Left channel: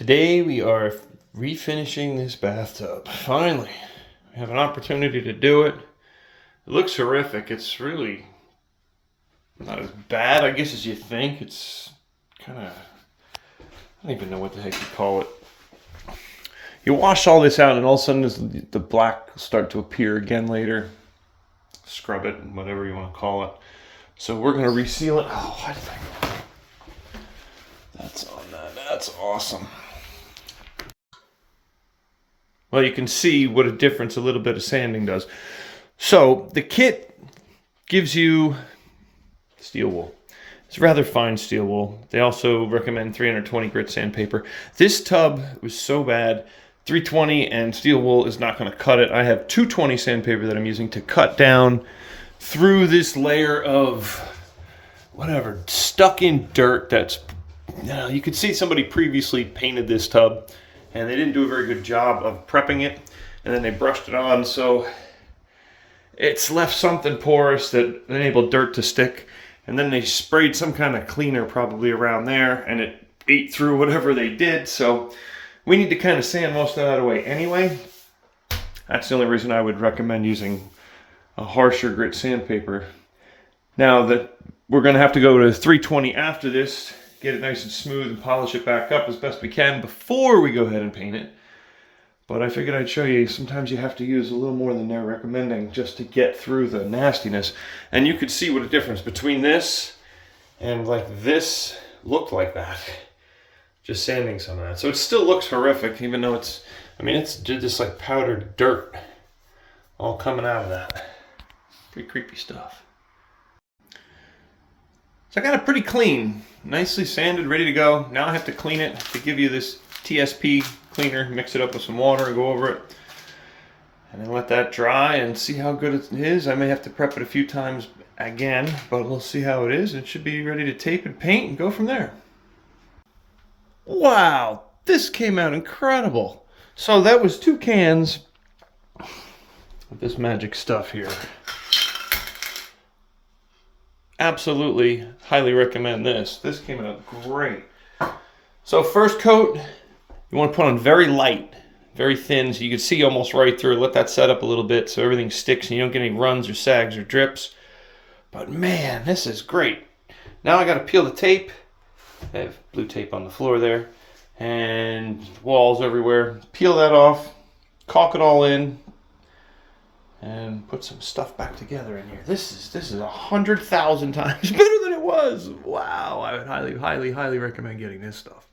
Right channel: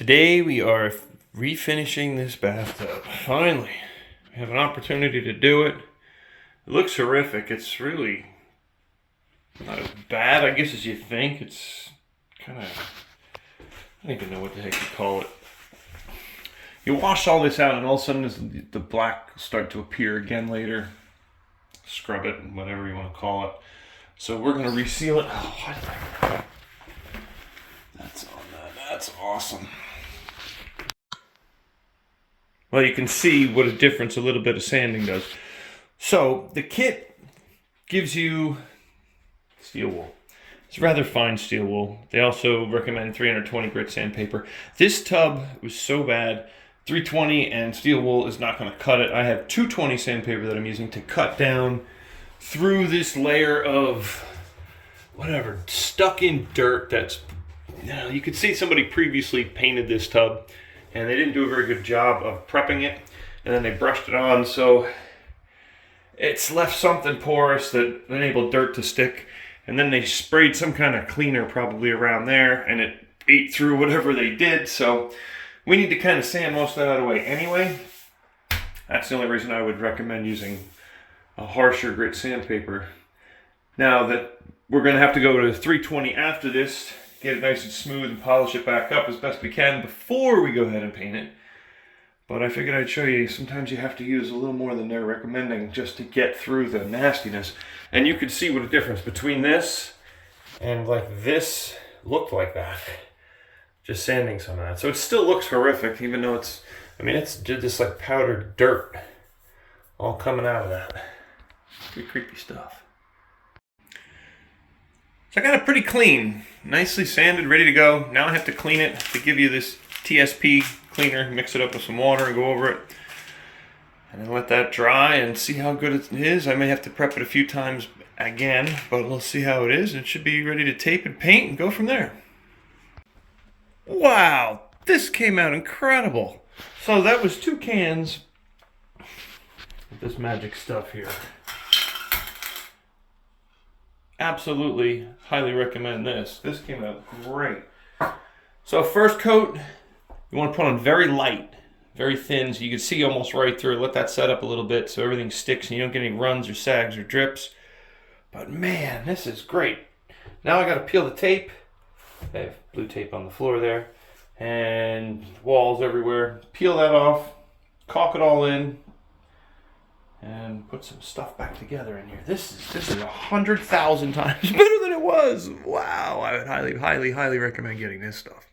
Today we are refinishing this bathtub. Finally, we have an opportunity to do it. It looks horrific. It's really not as bad, I guess, as you think. It's kind of, I don't even know what the heck you call it. You wash all this out and all of a sudden the black will start to appear again later. Scrub it, whatever you want to call it. So we're going to reseal it. Oh, what? That's on that. That's awesome. Well, you can see what a difference a little bit of sanding does. So the kit gives you steel wool. It's rather fine steel wool. They also recommend 320 grit sandpaper. This tub was so bad, 320 and steel wool is not going to cut it. I have 220 sandpaper that I'm using to cut down through this layer of whatever stuck in dirt. That's, you could see somebody previously painted this tub and they didn't do a very good job of prepping it, and then they brushed it on, so it's left something porous that enabled dirt to stick, and then they sprayed some kind of cleaner probably around there, and it ate through whatever they did. So we need to kind of sand most of that away anyway. That's the only reason I would recommend using a harsher grit sandpaper. Now that we're going to have to go to 320 after this, get it nice and smooth and polish it back up as best we can before we go ahead and paint it. But I figured I'd show you, sometimes you have to use a little more than they're recommending just to get through the nastiness. And you could see what a difference between this and like this looked like that. Just sanding some of that. So it still looks horrific, even though it's, I mean, it's just like powdered dirt all coming out of that. Pretty creepy stuff. So I got it pretty clean, nicely sanded, ready to go. Now I have to clean it to give you this TSP cleaner, mix it up with some water and go over it. And then let that dry and see how good it is. I may have to prep it a few times again, but we'll see how it is. It should be ready to tape and paint and go from there. Wow, this came out incredible. So that was 2 cans of this magic stuff here. Absolutely highly recommend this. This came out great. So first coat, you want to put on very light, very thin, so you can see almost right through. Let that set up a little bit so everything sticks and you don't get any runs or sags or drips. But man, this is great. Now I got to peel the tape. I have blue tape on the floor there and walls everywhere. Peel that off, caulk it all in, and put some stuff back together in here. This is 100,000 times better than it was. Wow, I would highly recommend getting this stuff.